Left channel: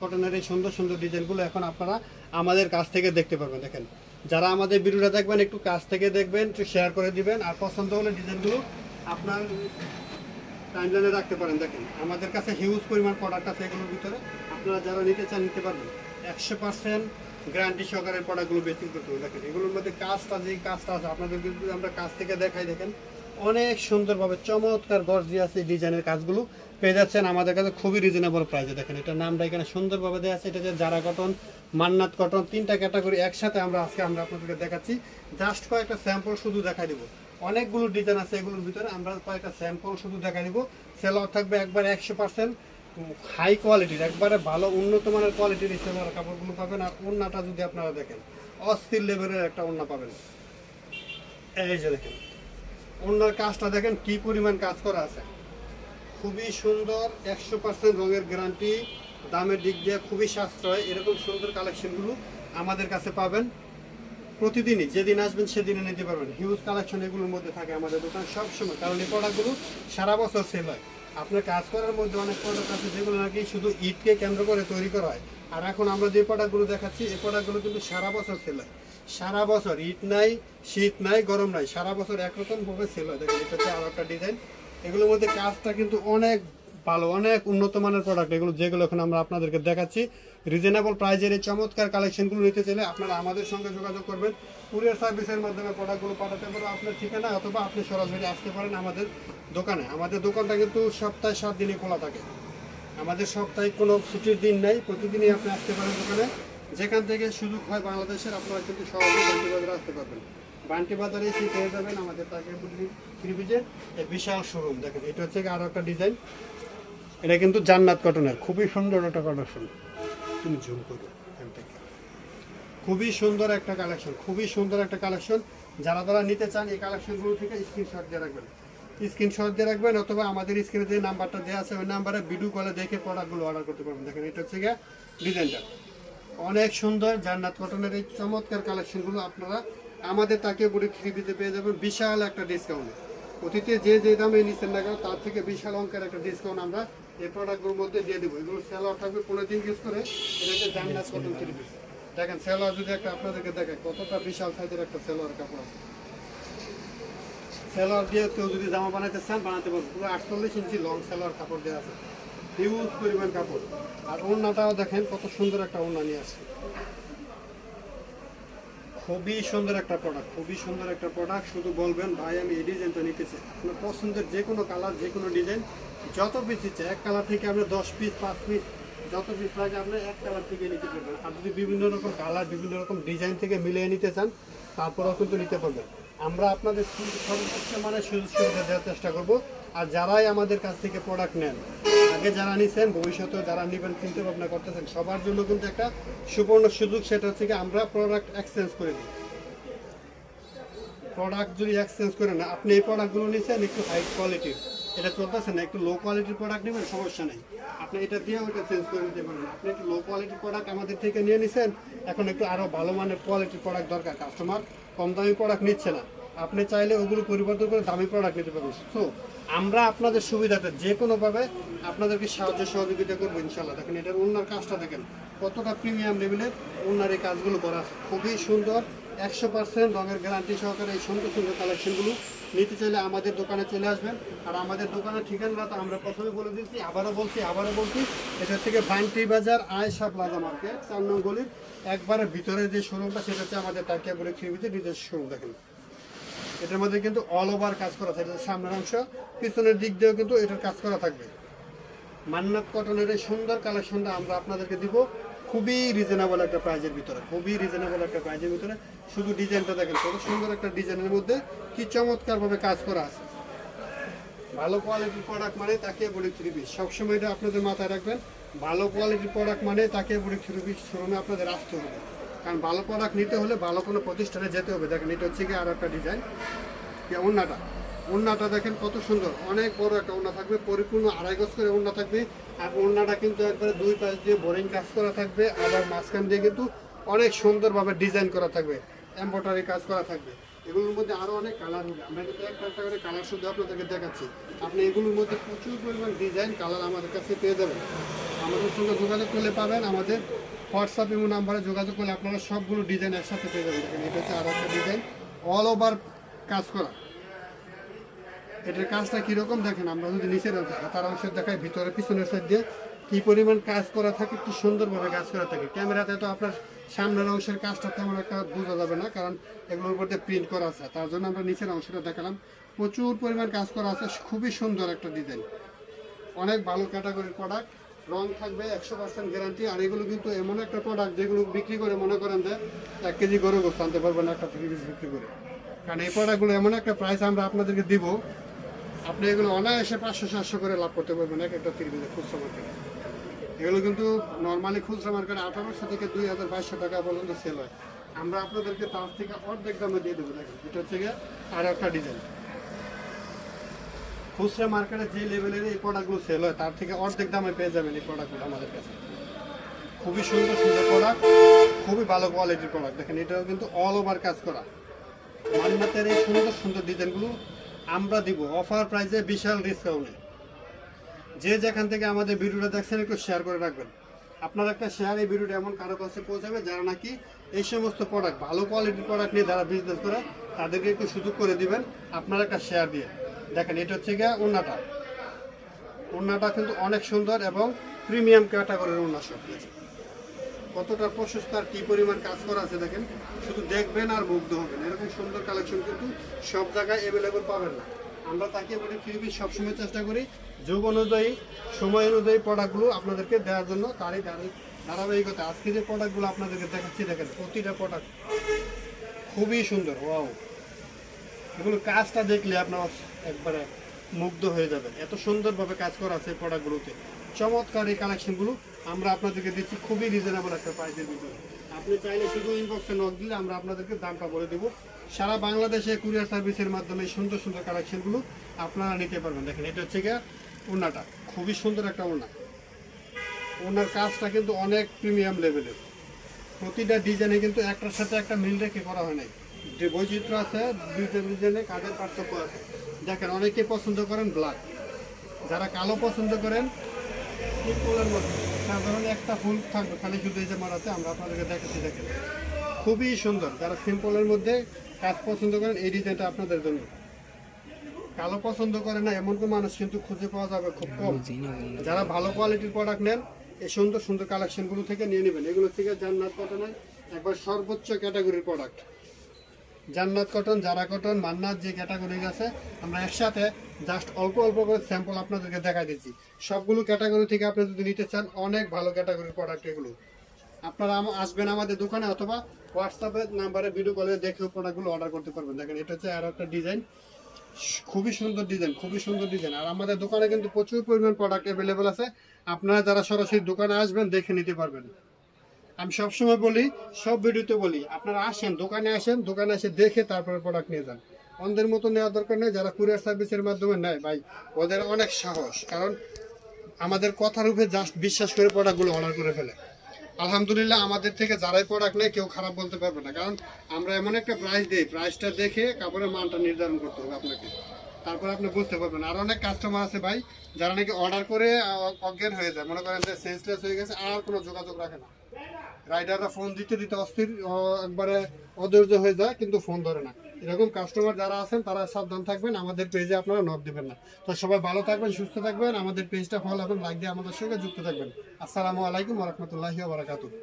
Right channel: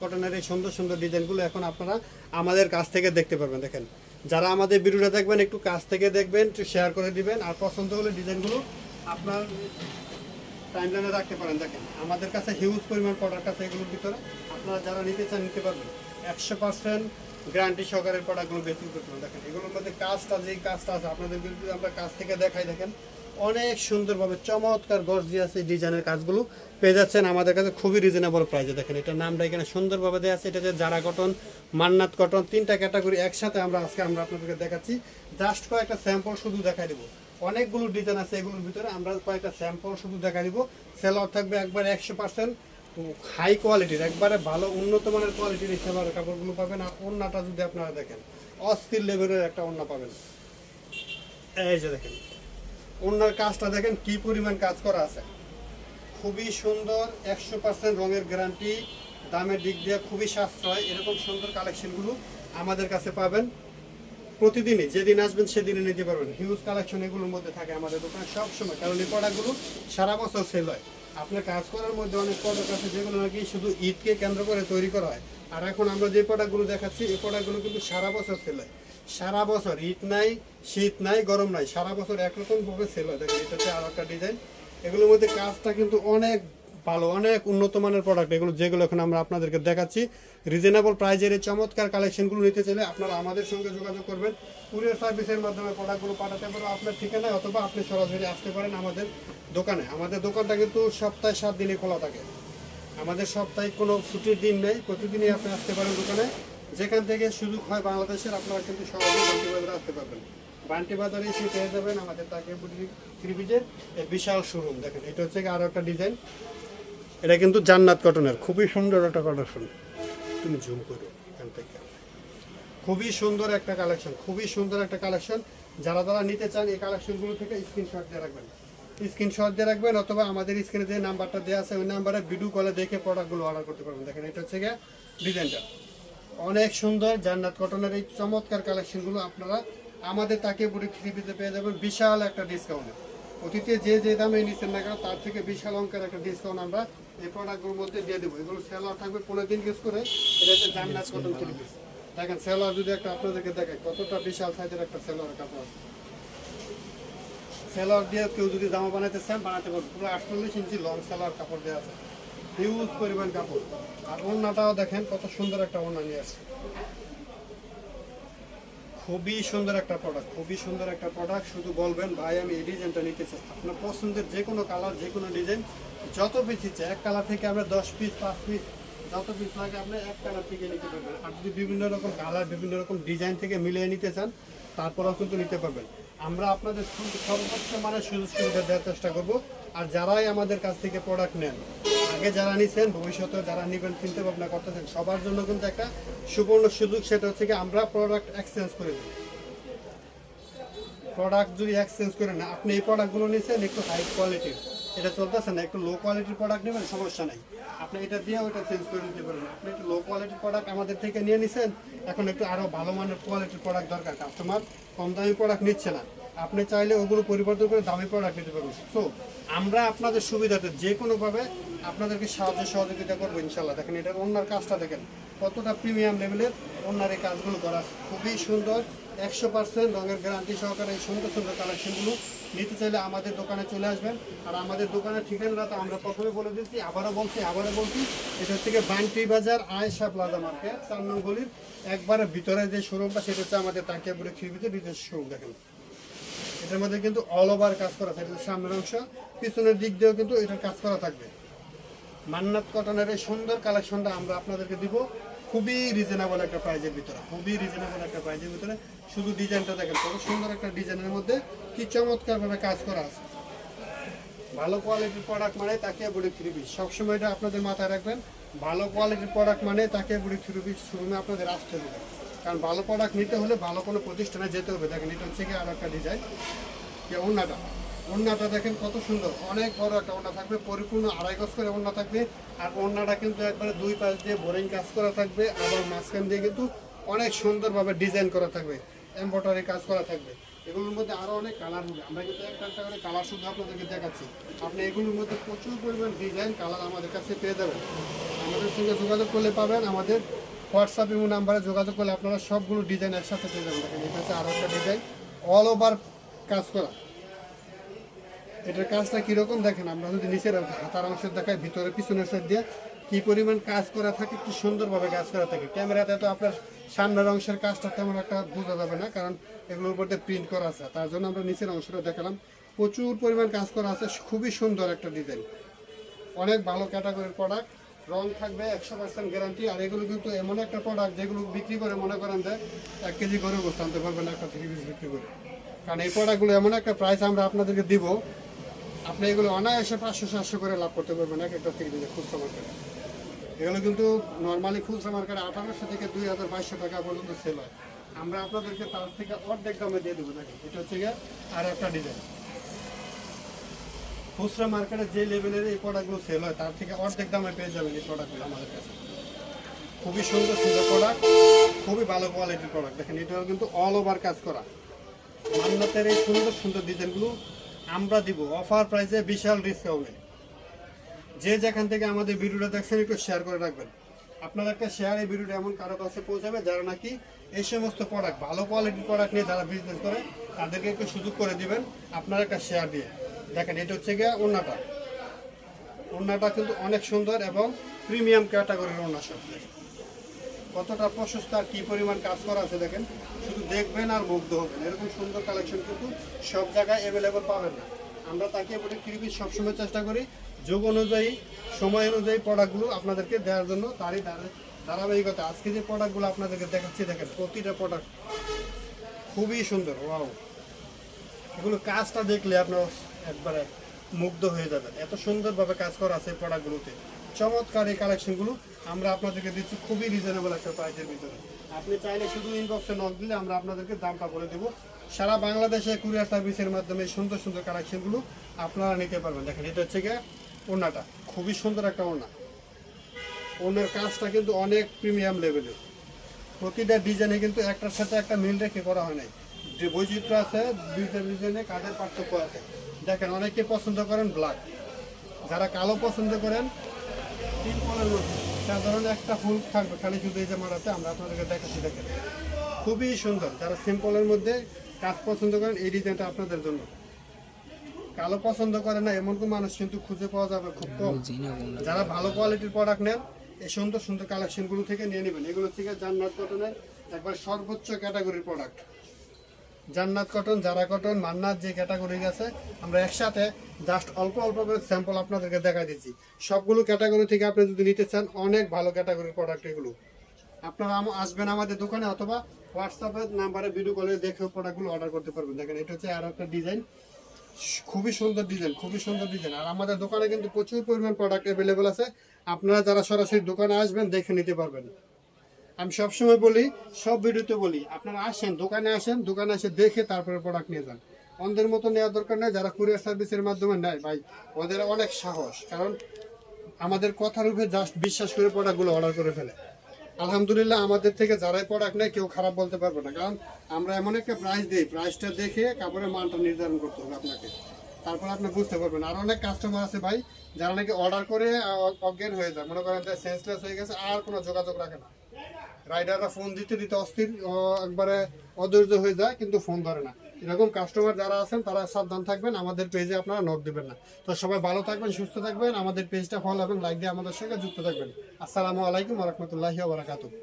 কটনের এই সুন্দর সুন্দর ডিজাইনগুলো এখন আপনারা আমাদের কাছ থেকে দেখতে পারবেন। দেখেন, যারা আমাদের ভিডিওটা দেখবেন একটু কাছ থেকে দেখবেন, একটু শেয়ার করে দিবেন, আর পছন্দ হলে ডিজাইনগুলো আপনার টাইমলাইনে রাখতে পারেন। দেখেন, আমাদের কাছে হিউজ পরিমাণ প্রোডাক্ট আছে এগুলোর ভিতরে, আপনারা যারা নিতে চান নিতে পারবেন। 100% গ্যারান্টি সহকারে প্রোডাক্টগুলো বেশি করতে হবে। দেখেন, এগুলোর মধ্যে কাজটা যেই কাজটা আছে আপনাদের যদি আমরা কাছ থেকে দেখাই, দেখেন অনেক সুন্দরভাবে চমৎকার গর্জিয়াস এই ডিজাইনের কাজগুলো পেয়ে যাচ্ছেন আমাদের কাছে খুবই রিজনেবল প্রাইসে। দেখেন, এটার নামটা এখানে সুন্দরভাবে দেওয়া আছে, এটা হচ্ছে জারা কটন, মান্নাত কটন, 3টা ক্যাটাগরি একসাথে আমরা আপনাদেরকে দেখাচ্ছি। জাস্ট কয়েকটা স্যাম্পল শুধু দেখাই দিব, অনেকগুলো ডিজাইন আছে এগুলোর ভিতরে, আমরা কয়েকটা স্যাম্পল শুধু দেখাই দিব। সেলর থাকবে একবার 100% হাই কোয়ালিটির, একবারে ভালো উন্নত মানের কোয়ালিটির এই সেলর কাপড়গুলো পাবেন। আর ওড়নাটা যদি আপনারা দেখেন, অস্থির লেভেলের একটা ওড়না পাবেন। এই যে দেখেন ওড়নার কাজটা দেখেন কি পরিমাণ কাজ করা আছে, খুবই সুন্দর, 100% রঙের গ্যারান্টি, দামের দিক দিয়ে খুবই সাশ্রয়। এরকম সুন্দর কালেকশনগুলো আমাদের কাছে পাবেন প্রতিদিনই, যেদিন আসবেন সেদিনই নিতে পারবেন। হিউজ কালেকশন এগুলোর মধ্যে থাকে আমাদের দোকানে সবসময়, কারণ এই প্রোডাক্টগুলো সারা বছর সেল হয়। আপনার কাজ করার মধ্যে অনেক প্রোডাক্ট আছে যেগুলো নাকি শুধু ঈদকে কেন্দ্র করে তৈরি করা হয়, আর এখন আমরা যে প্রোডাক্টগুলো দেখাচ্ছি এই প্রোডাক্টগুলো কিন্তু সারা বছর সেল হয়। সারা বছর, ঈদ নাই, শীত নাই, গরম নাই, সারা বছর একরকম ভাবে সেল হয়। দেখেন, এটা হচ্ছে আর একটা ডিজাইন। এগুলোর মধ্যে কাজটা কিন্তু অনেক ভালো, অনেক উন্নত মানের প্রোডাক্ট এগুলো, যেগুলো এখন আমরা আপনাদেরকে দেখাচ্ছি। রিজনেবল প্রাইজের এই চমৎকার কালেকশনগুলো নিতে চাইলে আপনারা আমাদের সঙ্গে যোগাযোগ করবেন। কুরিয়ার সার্ভিসের মাধ্যমে প্রোডাক্টগুলো পাঠাতে পারবেন আপনার ঠিকানায়, অথবা আপনি সরাসরি আসতে পারেন আমাদের দোকানে। আমাদের দোকানটা কিন্তু সপ্তাহে 7 দিনই খোলা থাকে, আমাদের সপ্তাহে কোনো ছুটির দিন নেই, প্রতিদিনই আপনি আসতে পারেন দোকানে। যেখান থেকে সুযোগ হয় বাংলাদেশের, আপনারা কিন্তু সহজে বান্টি বাজারে আসতে পারবেন। বান্টি বাজারে এসে পেয়ে যাবেন আমাদের তাকিয়াপুরি ত্রিভুজের বিশাল শোরুম। দেখেন, এটা হচ্ছে আরও একটা ডিজাইন, এটা কিন্তু জান্নাত কটনের খুবই সুন্দর একটা কালেকশন। তুমি জুম করে এখান থেকে, খুবই সুন্দর একটা কালেকশন, খুবই সুন্দর একটা কালেকশন। যারা যারা নিতে চান এই কালেকশনগুলো থেকে স্ক্রিনশট দিয়ে রাখবেন, স্ক্রিনশট দিয়ে রাখবেন, অথবা আমাদের স্ক্রিনে যে নাম্বারটা দেওয়া আছে ওই নাম্বারে ভিডিও কলে দেখে প্রোডাক্টগুলো অর্ডার করতে পারবেন। দেখেন, এটা হচ্ছে গিয়ে ডিজাইনটা অনেক সুন্দর। জান্নাত কটনের এই চমৎকার কালেকশনগুলো আপনারা আমাদের তাকিয়াপুরি ত্রিভুজে পেয়ে যাবেন বিশাল একটা ডিসকাউন্টে। অতীতে যে যে দামে নিচ্ছেন না কেন তার থেকে বিশাল অঙ্কের একটা ডিসকাউন্ট আমরা এই প্রোডাক্টগুলোর মধ্যে দিয়ে দেবো। এগুলো সেলার থাকবে 15 দিন ইউজ করে। এটা হচ্ছে জান্নাত কটন ত্রিভুজ। দেখেন সেলার যদি একটা আপনাদেরকে দেখেন কতটা বিশাল সাইজের একটা সেলার কাপড় আছে। সেলার দিয়ে কেউ যদি জামা বানাতে চান বানাতে পারবেন। পুরো 48 ইঞ্চি লং সেলার কাপড় দেওয়া আছে, হিউজ পরিমাণ কাপড়। আর ওড়নাটাও দেখেন কত সুন্দর একটা ওড়না নিয়ে আসছে, খুবই সুন্দর একটা প্রোডাক্ট, খুবই সুন্দর একটা প্রোডাক্ট। শুধু বলবেন ভাই আমি এই ডিজাইনটা নিতে চাই, আপনার পছন্দের যে কোনো কালার, যে কোনো ডিজাইন, যত পিস ইচ্ছে, এক কালার থেকে আমরা 10 পিস 5 পিস যত পিস লাগে আপনি এক কালার থেকে নিতে পারবেন। আর যদি বিভিন্ন রকম কালার, বিভিন্ন রকম ডিজাইন থেকে মিলিয়ে নিতে চান তারপরেও কিন্তু নিতে পারবেন। আমরা আপনাদের সর্বোচ্চ মানের সুযোগ সুবিধা দেওয়ার চেষ্টা করব। আর যারাই আমাদের কাছ থেকে প্রোডাক্ট নেন, আগে যারা নিছেন, ভবিষ্যতে যারা নেবেন চিন্তা ভাবনা করতেছেন, সবার জন্য কিন্তু একটা সুবর্ণ সুযোগ, সেটা হচ্ছে কি আমরা প্রোডাক্ট এক্সচেঞ্জ করে দিই। প্রোডাক্ট যদি এক্সচেঞ্জ করে না, আপনি এই প্রোডাক্টগুলো নিয়েছেন একটু হাই কোয়ালিটির, এটা চলতেছে না, একটু লো কোয়ালিটির প্রোডাক্ট নেবেন, সমস্যা নেই, আপনি এটা দিয়ে ওইটা চেঞ্জ করে দিতে পারবেন। আপনি একটু লো কোয়ালিটির প্রোডাক্ট আমাদের থেকে নিয়ে নিছেন, এখন একটু আরও ভালো মানের কোয়ালিটির প্রোডাক্ট দরকার, কাস্টমার কম দামি প্রোডাক্ট নিচ্ছে না, আপনি চাইলে ওগুলো পরিবর্তন করে দামি প্রোডাক্ট নিতে পারবেন। তো আমরা আপনাদের সুবিধাটা যে কোনোভাবে আপনাদেরকে সাহায্য সহযোগিতা করবো ইনশাল্লাহ। দেখেন, এটার ওনার কাজটা দেখেন কতটা প্রিমিয়াম লেভেলের ওনার এই কাজগুলো করা, খুবই সুন্দর, 100% রঙের গ্যারান্টি সহকারে এই সুন্দর সুন্দর কালেকশনগুলো নিতে চাইলে আমাদের দোকানে চলে আসবেন। আর আমাদের দোকানের ঠিকানাটা তো আমরা প্রথমে বলে দিচ্ছি, আবারও বলছি, এটা থেকে বান্টি বাজার আয়েশা প্লাজা মার্কেট 4 নং গলির একবারে ভিতরে যে শোরুমটা, সেটা হচ্ছে আমাদের তাকিয়াপুরি ত্রিভুজের নিজস্ব শোরুম। দেখেন, এটার মধ্যে কিন্তু অল ওভার কাজ করা থাকবে, সামনের অংশ পিছনের দিক দিয়েও কিন্তু এটার কাজ করা থাকবে। মান্নাত কটনের এই সুন্দর কালেকশনটা আমরা আপনাদেরকে দিব খুবই রিজনেবল একটা প্রাইজের ভিতরে, খুবই রিজনেবল একটা প্রাইজের ভিতরে। শুধু ডিজাইনটা দেখেন, খুবই সুন্দর একটা ডিজাইনের মধ্যে কি চমৎকারভাবে কাজ করা আছে। ভালো কোয়ালিটির প্রোডাক্ট মানে তাকিয়াপুরি ত্রিভুজ, সবসময় এটা আপনাদের মাথায় রাখবেন। ভালো কোয়ালিটির প্রোডাক্ট মানে তাকিয়াপুরি ত্রিভুজ শোরুমে আপনাদের আসতে হবে, কারণ ভালো প্রোডাক্ট নিতে হলে ভালো কোনো প্রতিষ্ঠানে যেতে হবে। দেখেন, এটা হচ্ছে কি আরও একটা ডিজাইন। ওড়নাটা দেখেন কত সুন্দর, অনেক বড় একটা ওড়না থাকবে, পরিপূর্ণ 2.5 গজ করে ওড়না থাকবে। আর ওড়নাটা কিন্তু একবারে 2 পাশ দিয়ে বোরিং কাজ করা থাকবে, আবার মাঝখান দিয়ে কিন্তু অনেক সুন্দরভাবে ডিজাইন করা থাকবে, এমব্রয়ডারি কাজ করা থাকবে। এগুলোর মধ্যে আরও অনেক কালার হবে, আমরা কিন্তু একটা করে কালার শুধু আপনাদেরকে দেখাচ্ছি। আপনি এগুলোর মধ্যে প্রচুর পরিমাণ ডিজাইন কালার আমাদের কাছে পেয়ে যাবেন। আমাদের সঙ্গে যোগাযোগ করলে পাবেন, আমাদের হোয়াটসঅ্যাপ এবং নাম্বারে যোগাযোগ করলে আপনারা সবগুলো ডিজাইন একসাথে পেয়ে যাবেন। দেখেন এটা হচ্ছে আরও একটা ডিজাইন, অল ওভার কাজ করা। এটার কাজটা কীরকম দেখেন, আমরা যদি নিচের হাতার অংশের দেখাই, ভিতরে পিছনের সাইড দিয়ে কী পরিমাণ কাজ করা থাকে, একটু সুন্দরভাবে কাজ করা থাকে। ক্যামেরাতে তো আপনার সামনের অংশের কাজটা তেমন একটা বোঝা যাবে না, কারণ এগুলোর উপর দিয়ে প্রিন্ট করা আছে। তার জন্য আমরা নিচের অংশটা দেখালাম, প্রচুর পরিমাণ কাজ করা আছে, খুবই সুন্দর একটা ডিজাইন, অনেক ভালো ক্যাটাগরির প্রোডাক্ট। রং থাকবে 100% গ্যারান্টি। আর এগুলো কিন্তু এমন একটা প্রোডাক্ট যেগুলো বিক্রি করে মনে করেন যে 1 কেজি গরু গোস্ত আনতে পারবেন একটা থেকে বিক্রি করে। কারণ এই প্রোডাক্টগুলো এমন একটা প্রাইস আমরা আপনাদেরকে দিব, আপনি এগুলো অনায়াসে 500-700 করে লাভ করতে পারবেন এক একটা থেকে খুচরা মার্কেটে। এগুলো কিন্তু নর্মালি খুচরা মার্কেটে 1800 থেকে 2200 টাকা পর্যন্ত সেল হয়। আমরা আপনাদেরকে তার থেকে অর্ধেক দামে দিয়ে দেবো। দেখেন এটা হচ্ছে গিয়ে আর একটা ডিজাইন, খুচরা মার্কেটে যে লেভেলের এই প্রোডাক্টগুলো সেল হয় তার থেকে অর্ধেক দামে পেয়ে যাবেন এই প্রোডাক্টগুলো আমাদের কাছে। খুবই সুন্দর সুন্দর প্রোডাক্ট, খুবই ভালো কোয়ালিটির প্রোডাক্ট। দেখেন এটাও কিন্তু অল ওভার কাজ করা। মান্নাতের এই সুন্দর সুন্দর ডিজাইনগুলো আমরা দিব অফার প্রাইসে, বিশাল ডিসকাউন্টে। যে যেখান থেকে আমাদের ভিডিওটা দেখছেন একটু শেয়ার করে রাখবেন। আপনার একটা শেয়ার এই ভিডিওটা এমন কারো কাছে পৌঁছাবে যারা নাকি এই সমস্ত প্রোডাক্ট, ভালো কোয়ালিটির প্রোডাক্ট নিয়ে যারা বিজনেস করে, তাদেরকে একটু সুযোগ করে দিবেন আপনার একটা শেয়ার দিয়ে। দেখেন এটা হচ্ছে গিয়ে ওড়নাটা, ওড়নাটা কিন্তু অনেক সুন্দর এবং প্রিমিয়াম ক্যাটাগরির ওড়না। সব কতটা প্রশস্ত আর কী পরিমাণ কাজ করা আছে দেখেন, শুধু দেখবেন আর মুগ্ধ হবেন। এরকম সুন্দর কালেকশন কিন্তু সব জায়গায় অ্যাভেলেবল পাবেন না। আমরা তাকে পৃথিবীর সবসময় চেষ্টা করি যুগ অনুযায়ী, সময় অনুযায়ী প্রোডাক্টগুলো আপনাদেরকে দেওয়ার জন্য। তারই ধারাবাহিকতা আজকে যে প্রোডাক্টগুলো আপনাদেরকে দেখাচ্ছি, দেখেন প্রতিটা প্রোডাক্ট খুবই সুন্দর। ওয়াও, এগুলো কাজটা দেখলে আপনার একবারে মুগ্ধ হয়ে যাবেন, এত সুন্দরভাবে কাজ করা আছে প্রোডাক্টগুলোতে। চমৎকার এই কালেকশনগুলো আমরা আপনাদেরকে দিচ্ছি খুবই রিজনেবল একটা প্রাইসের ভিতরে। আপনি চাইলে শুধু ইনবক্সে নক দিলে আমরা আপনাদেরকে দামটা বলে দেবো। সারা বাংলাদেশে কুরিয়ার সার্ভিসের মাধ্যমে এই সুন্দর সুন্দর কালেকশনগুলো আপনারা নিতে পারবেন। দেখেন এটা হচ্ছে গিয়ে ওড়নাটা, খুবই সুন্দর একটা ওড়না। ওড়নার কাজটা কিন্তু অনেক প্রিমিয়াম লেভেলের, প্রতিটা ডিজাইনে কিন্তু একটার সাথে একটা মিল রেখে করা হয় নাই, যে বৈচিত্র্য আছে, দুইটা ডিজাইনে কাজের পার্থক্য আছে। দেখেন অনেকে পছন্দ করেন ব্ল্যাক, যারা কালো পছন্দ করেন সিম্পলের মধ্যে সাধারণ একটা ফুল থাকবে খালি শুধু এই যে মারাতে, আমরা আপনাদেরকে দেখাচ্ছি। দেখেন খুবই সুন্দর, যারা সিম্পলের মধ্যে কাজ পছন্দ করেন এই ডিজাইনটা আপনাদের জন্য। কালো পছন্দ করে না এমন কোনো মানুষ কিন্তু খুঁজে পাওয়া যাবে খুব কম। যারা ভালো কোয়ালিটির প্রোডাক্ট নেন এই সুন্দর সুন্দর কালেকশনগুলো থেকে নিয়ে নেবেন। এগুলো থেকে জান্নাত কটনের একবার সর্বোচ্চ ক্যাটাগরির প্রোডাক্ট। জান্নাত কটন, জারা কটন, মান্নাত যে ক্যাটাগরি আছে, আমরা একসাথে জাস্ট অল্প অল্প করে স্যাম্পল আপনাদেরকে দেখাই দিচ্ছি। সবগুলো ক্যাটাগরি থেকে আপনি যদি নিতে চান অনেক ভালো ক্যাটাগরির প্রোডাক্ট এগুলো। আপনারা আসবেন আমাদের দোকানে অথবা হোয়াটসঅ্যাপের নাম্বারে ভিডিও কলে দেখেও প্রোডাক্টগুলো অর্ডার করতে পারবেন। দেখেন এটা হচ্ছে আর একটা ডিজাইন, খুবই সুন্দর ডিজাইন, খুবই সুন্দর ডিজাইন। আর আমাদের দোকানে কিন্তু প্রচুর পরিমাণ প্রোডাক্ট অ্যাভেলেবেল আছে, আপনারা যারা সরাসরি দোকানে আসবেন দেখে নিতে পারবেন। আমি সবসময় বলি, সব ভিডিওতে বলি, আপনারা আসেন দোকানে, আসেন দোকানে এসে দেখে তারপরে প্রোডাক্ট নিয়ে যান। অন্যদের মতো নেওয়ার দরকার নেই, যারা কুরিয়ার সার্ভিসের মাধ্যমে নেয় ভাই ওদের অনেক সাহস, কারণ আমাদের কথার উপরে জাস্ট বিশ্বাস করে প্রোডাক্টগুলো অর্ডার করে ফেলে। আলহামদুলিল্লাহ আমাদের থেকে যারাই প্রোডাক্ট নেয় কেউ খারাপ বলতে পারবে না, কারণ আমরা এমন একটা প্রাইস দিই, প্রাইসটা দেখে কাপড়ের মানটা নির্ধারণ করতে হবে আপনাকে, তারপর আপনি বুঝতে পারবেন। আর অনেক কাস্টমার আছে ভাই যারা নাকি অর্ডার করে অজ্ঞান হয়ে যায়, মনে করেন যে সেন্সলেস হয়ে গেছে, আর কোনো যোগাযোগ রাখে না। রাইডাররা ফোন দিতে দিতে অস্থির, একবারে অধৈর্য হয়ে যায়, কিন্তু ফোন ধরে না। এরকম কাস্টমার যারা আছেন তারা সাবধান থাকবেন, আমাদের পেজে আপনারা নক দিবেন না। তো সবাই ভালো থাকবেন, সুস্থ থাকবেন, আমাদের পেজটা ফলো এবং লাইক দিয়ে আমাদের সঙ্গে যুক্ত থাকবেন। আসসালামু আলাইকুম ওয়া রাহমাতুল্লাহি ওয়া বারাকাতুহু।